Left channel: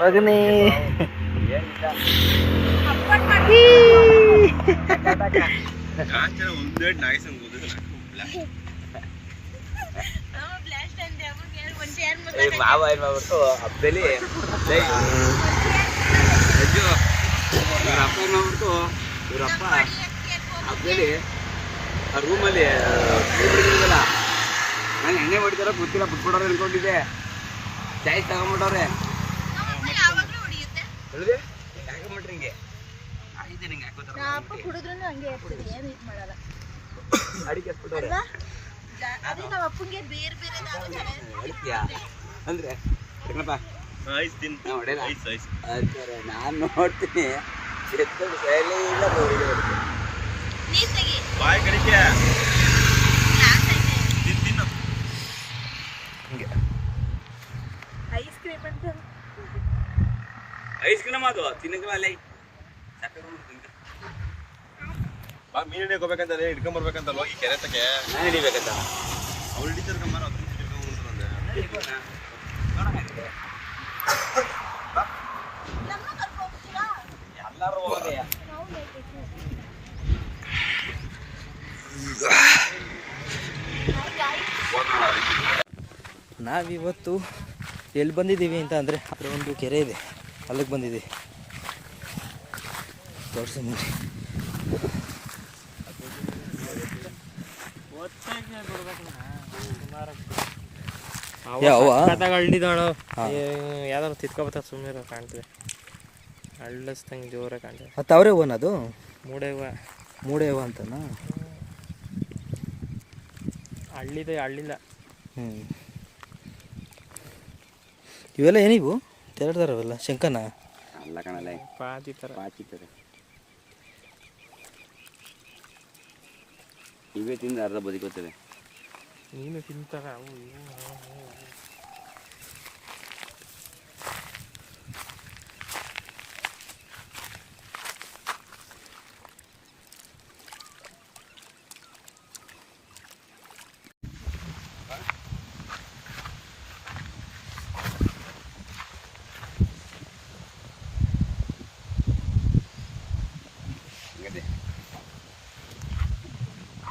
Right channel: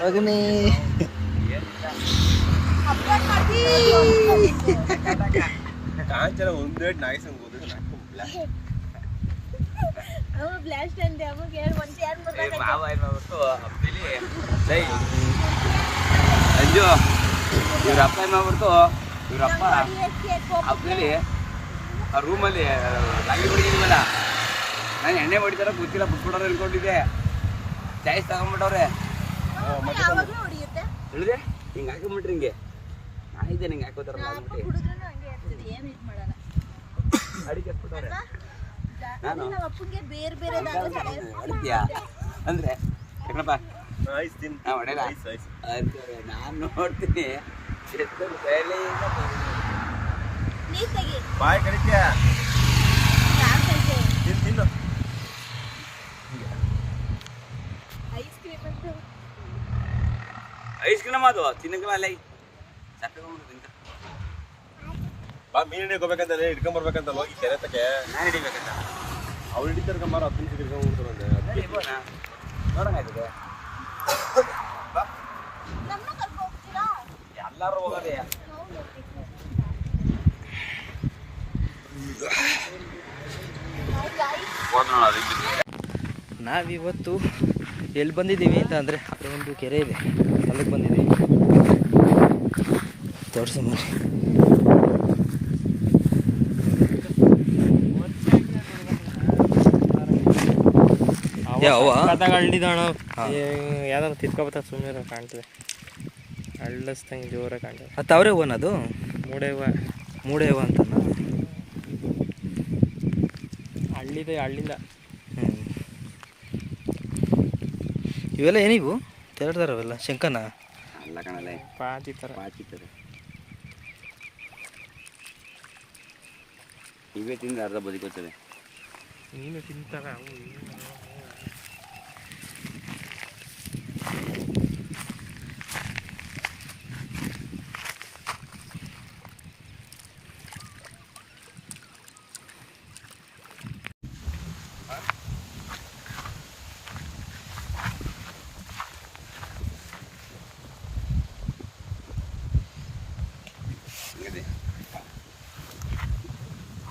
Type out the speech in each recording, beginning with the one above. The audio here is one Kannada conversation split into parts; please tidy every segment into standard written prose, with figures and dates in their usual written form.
ಮಗನೇ ಕಾಂಚನ ಒಂದೇಟ್ ನಾಯಿಸಂಗ್ ಓದಿದ್ರೆ ಮಾಡ್ಬಿಟ್ಟು ಹಬ್ಬದಲ್ಲಿ ಅಜ್ಜು ಇವ್ರ ಅಪ್ಪ ಏನ್ ಮಾಡ್ಬಿಡ್ತು ಇವ್ರಪ್ಪ ಹಬ್ಬದಲ್ಲಿ ಆ ರೂಮಲ್ಲಿ ಗಾಡಿ ಬಿಡಿದಿಲ್ವಲ್ಲ ನಂಗೆ ಎಣ್ಣೆ ಹೊಡಿತಾರ ಗೊತ್ತಿಲ್ಲ ಬಿಟ್ಬಿಡೋರು ಅನ್ಕೊಂಡಿದ್ದೆ ಚಾಯ್ಸ್ ತಗೊಂಡ್ಬಿಟ್ಟವ್ರೆ ಹೇಳಿದೆ ಹಿಂಗೆ ಹಾಕೊಂಡ್ಬಿಟ್ರಿ ಹಿಂಗೆ ಆಯ್ದೆ ನಿಂಗೆ ಹಾಕೋತಾರಲ್ಲ ಅಡಿಕೆ ಹಚ್ಬಿಟ್ಟವ್ರೆ ಅಡಿಕೆಯಾ ಅಂದ್ರೆ ಏನಪ್ಪ ಹೊಡೆಯಲ್ಲ ಅಂತಾರೆ ನಾನು ನೋಡ್ತೀನಿ ಬಾಯ್ ಕಡಿಕೆ ತಿನ್ನು ಐಸ್ ಕ್ರೀಮ್ ಅದು ತಿನ್ನಕಲ್ಲ ಅಲ್ಲ ಮೀನು ಹಿಡ್ಕೋಬೇಕಂತಾನೆ ಹಿಡ್ಕೊಂಬರ್ಬೇಕಂತಲ್ವ ಈ ಕೆರೆ ತಕ್ಕೆ ನಾನು ಹಿಡಿಬೇಕಂತ ಅವ್ರು ಹಿಡಿತಾರೆ ಕಮ್ಮಾರ 10 ನಿಮಿಷ ಹಿಡ್ಕೊಂಡ್ಬಂದ್ರೆ ನೋಡಂಗಾಗಿದೆ ಎಲ್ಲರೂ ಹೋಗೋದೇ ನಾವಿವತ್ತು ಎಲ್ಲಿ ಬಂದಿದ್ದೀವಿ ಅಂತ ಅಂದರೆ ಅದರ ಒಂದು ಕೆರೆ ಇದೆ ಅಲ್ಲಿಗೆ ಬಂದಿದ್ದೀವಿ ತೋರಿಸಿ ಯಾವ ಹಳ್ಳಿದಾಣು ಯಾವ್ದಾದ್ರು ತಿರ್ಕೊಬತ್ತ ಸುಮ್ಮನೆ ಕಾಣ್ತದೆ ಹಳ್ಳಸ್ತಂಗೆ ಜೋರ ಕಾಣ್ತದೆ ಅದು ಅವರೇ ಹೂವನ ಅದು ಮೂಡೆ ಹೂವ ಅಂತನಾ ಹಳ್ಳಿಲ್ಲ ಇವೆಲ್ಲ ಏನಿವು ತೆರಡ್ದಾರವೆಲ್ಲ ಶಂಕನ ಅಲ್ಲ ಕಣಲ್ಲ ಪಾಚಿತಾರೆ ಇವೇ ತಿಂದು ಅರ್ಧ ಬದುಕೋತದೆ ನೀನು ತಿಂತಾರ ಅವು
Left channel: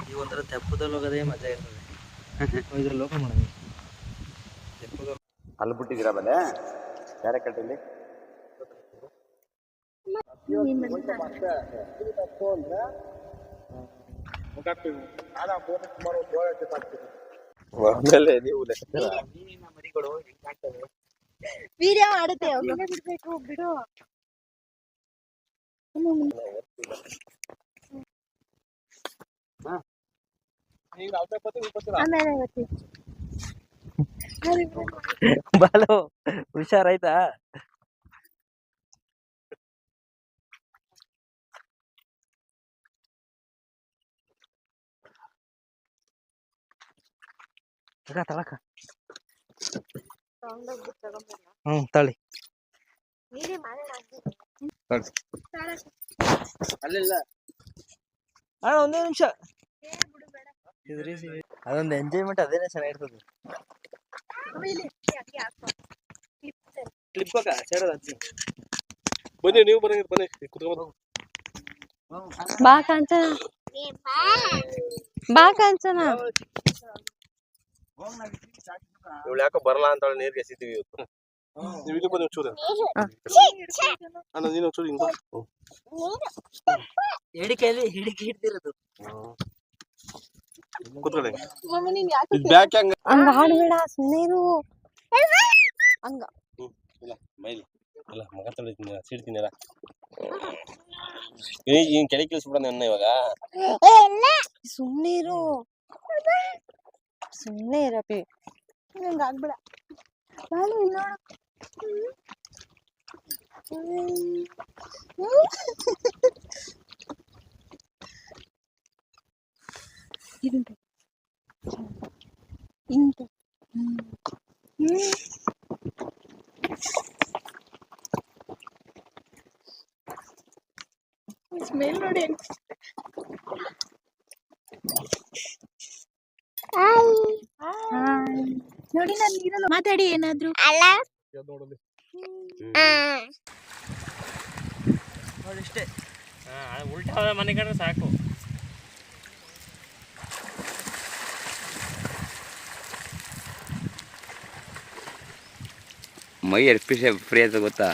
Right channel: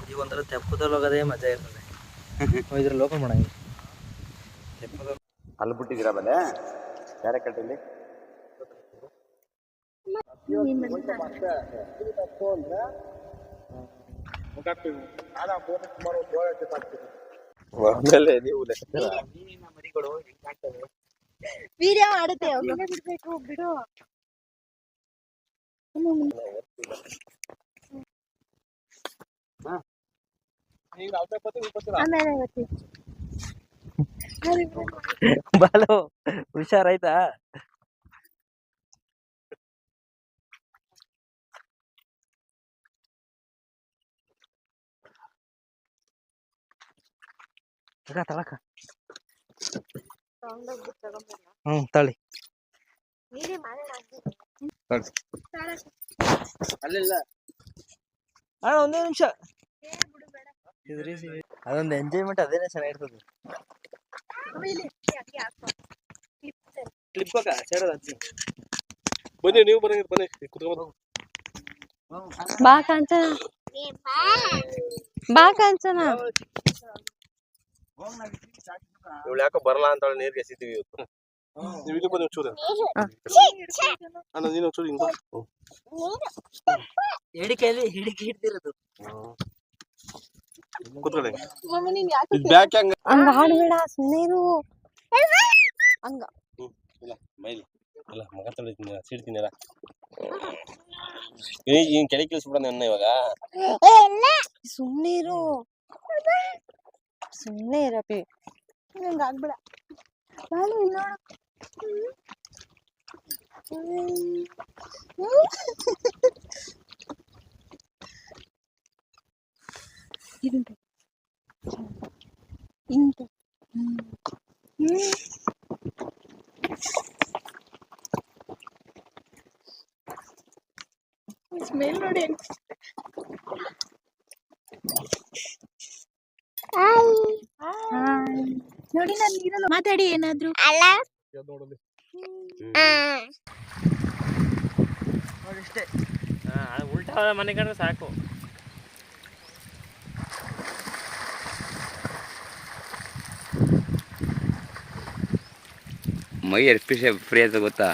ಈಗ ಒಂಥರ ತೆಪ್ಪದಲ್ಲಿ ಹೋಗೋದೇ ಮಜಾ ಇರ್ತದೆ ಇದ್ರಲ್ಲಿ ಓಪನ್ ಮಾಡ ತೆಪ್ಪದಲ್ಲಿ ಅಲ್ಲಿ ಬಿಟ್ಟಿದ್ದೀರಾ ಬಲೆ ಬೇರೆ ಕಟ್ಟಲ್ಲಿ ಮರಿಗಳು ವೀಡಿಯೋ ಮಾಡುತ್ತೆ ಬಿಡ್ಬೇಕು ಬಿಡು ಬಾಲು ಹುಷಾರಾಯ್ತಾ ತಳಕ ತಳಿ ಅಲ್ಲಿಲ್ಲ ಅಣ್ಣ ಒಂದೇ ನಿಮಿಷ ಅದೊಂದು ಎಂಜಾಯ್ಮೆಂಟ್ ಅದೇನೆ ಚೆನ್ನಾಗಿರ್ತದೆ ಕ್ಲಿಪ್ ಬನ್ನಿ ನೀವು ಬನ್ನಿ ಕುತ್ಕೊಂಡು ಬಾ ಕಾಂಚನ ಇವಳು ಯಾಕೋ ಬರಲ್ಲ ಅಂತ ನೀರ್ಗೆ ಎಸಿತೀವಿ ಇವತ್ತು ನೀವು ಇದು ಬನ್ನಿ ಒಂಚೂರು ಅಣ್ಣ ನೀನು ಒಂಚೂರು ಹಿಂಗ ಹಿಡಿಕೆಯಲ್ಲಿ ಹಿಡಿಕೆ ಹಿಡ್ದಿರೋದು ಕುತ್ಕೊಳ್ಳಿ ಬ್ಯಾಕ್ ಹಂಗ ಹಂಗ ಆಡ್ಬೇಡ ಸುಮ್ಮನೆ ಹಂಗ ಇಲ್ಲ ಮೈಲಿ ಇಲ್ಲ ಮಗ ತೊಳಿತೀನಿ ಸಿಡ್ತೀನಿಲ್ಲ ಈಗ ಕೆಳಗೆ ಕಳಿಸ್ಬಿಡ ನನ್ನ ಇವಾಗ ಸುಮ್ಮನೆ ಇರಪ್ಪಿ ನಂಗೆ ಆಗ್ಬೇಡ ನಾನು ಇಲ್ಲ ಇಂತ ಸ್ಮೆಲ್ ನೋಡಿ ನೋಡಿ ನಾನು ನೀರಲ್ಲ ಮಾತಾಡಿ ಏನಾದ್ರು ಅಲ್ಲ ಅದಿಷ್ಟೇ. ಉಲ್ಟಾ ಮನೆ ಕಂಡ್ರೆ ಸಾಕು. ಮೈ ಎಷ್ಟು ಫ್ರೀ ಆಯ್ತು ಗೊತ್ತಾ?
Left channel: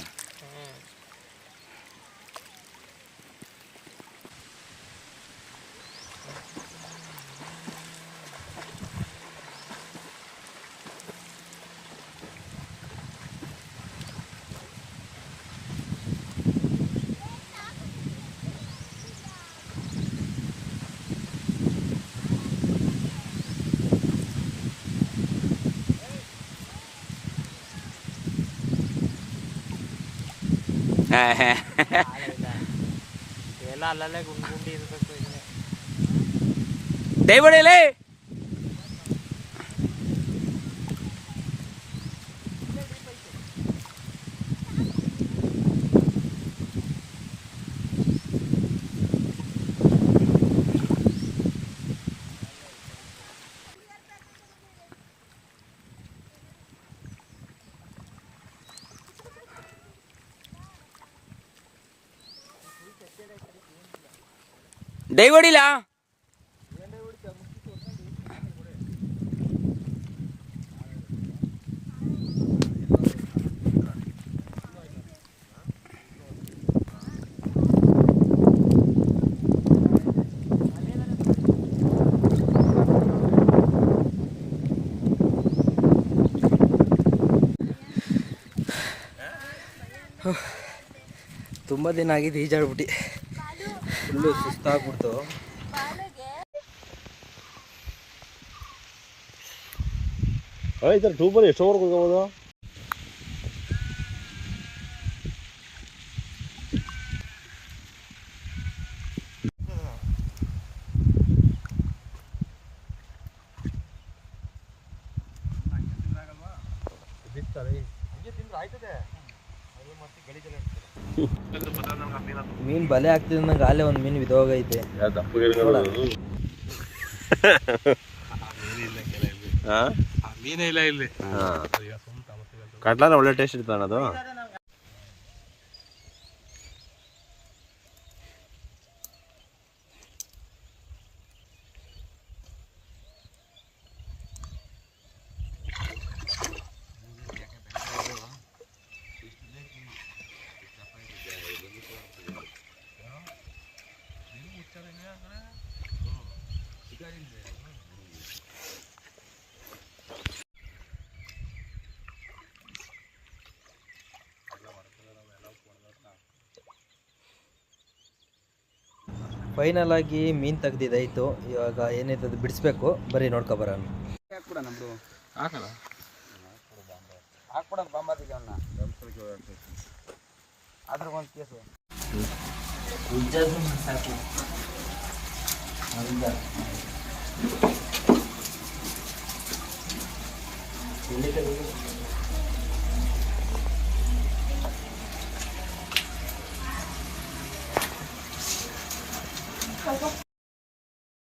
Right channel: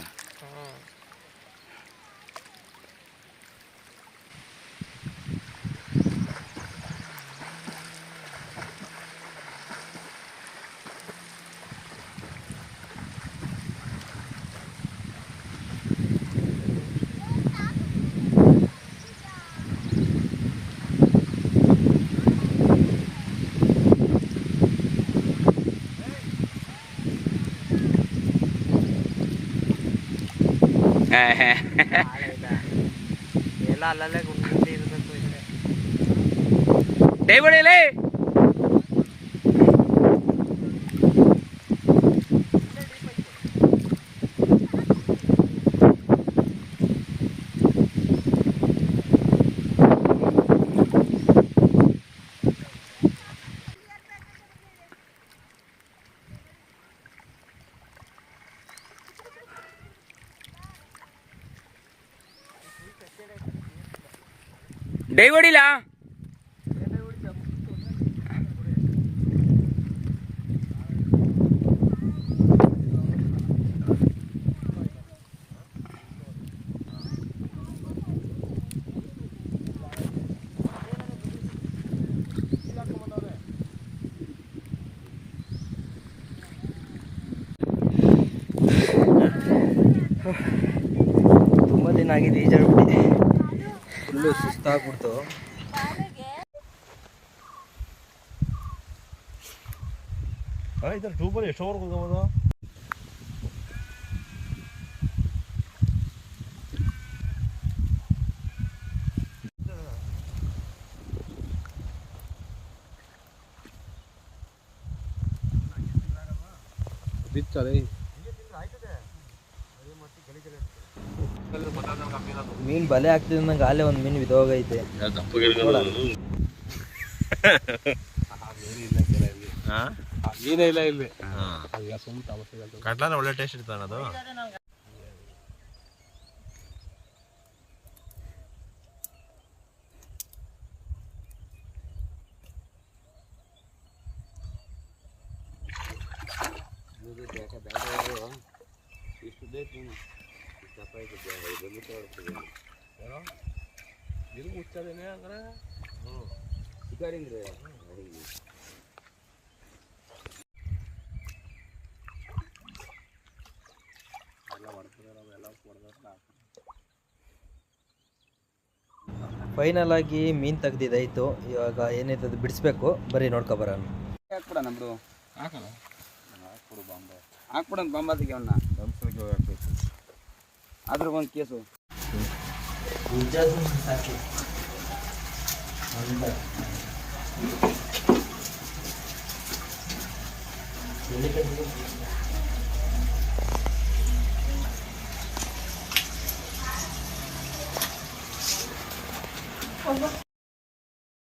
ಎಲ್ಲ ಅಲ್ಲಲ್ಲೇ ಗುಂಡಿ ಇರ್ಬೇಕು ಇಲ್ಲೇ. ದಯವಿಡಲೇ ಡೈ ಹೊಡಿಲ್ಲ. ತುಂಬ ದಿನ ಆಗಿದೆ ಈಜಾಡ್ಬಿಟ್ಟು ಫುಲ್ಲು ಸುಸ್ತಾಗ್ಬಿಡ್ತು. ಇದರ ಟ್ಯೂಬಲ್ಲಿ ಎಷ್ಟೋವರೆಗೂ ಹೋಗ್ಬೋದು? ಬಿತ್ತದೆ ಮೀನು ಬಲೆ ಹಾಕ್ತಿದ್ದ ನಂಗೆ ಅಲ್ಲೇ ಒಂದು ಮೀನು ಬಿದ್ದೋಗೈತೆ. ಮೀನೇ ಇಲ್ಲ ಇಲ್ಲಿ. ಕಟ್ಲಾನ ಒಳ್ಳೆ ಟೇಸ್ಟ್ ಇರ್ತಾನೆ ಅದು. ಫೈನಲ್ ಆಗಿ ಮೀನು ತೆಗ್ದಿದ್ದಾಯಿತು. ಇವಾಗ ಏನೈತೆ ಅದು ಬಿಡಿಸ್ಬೇಕು. ಬರೀ ನೋಡ್ಕೊಬರೋಣ. ಹಾಕ್ಬಿಡ ನಮ್ದು ಹಾಕಣ ಹಾಕ್ಬಿಡ ಬಾಂಬಾದಿಗೆ ಅವನ್ನ ಆದ್ರೂ ಒಂದು ಕೇಸು ಸಾಕಿ ಅಂತ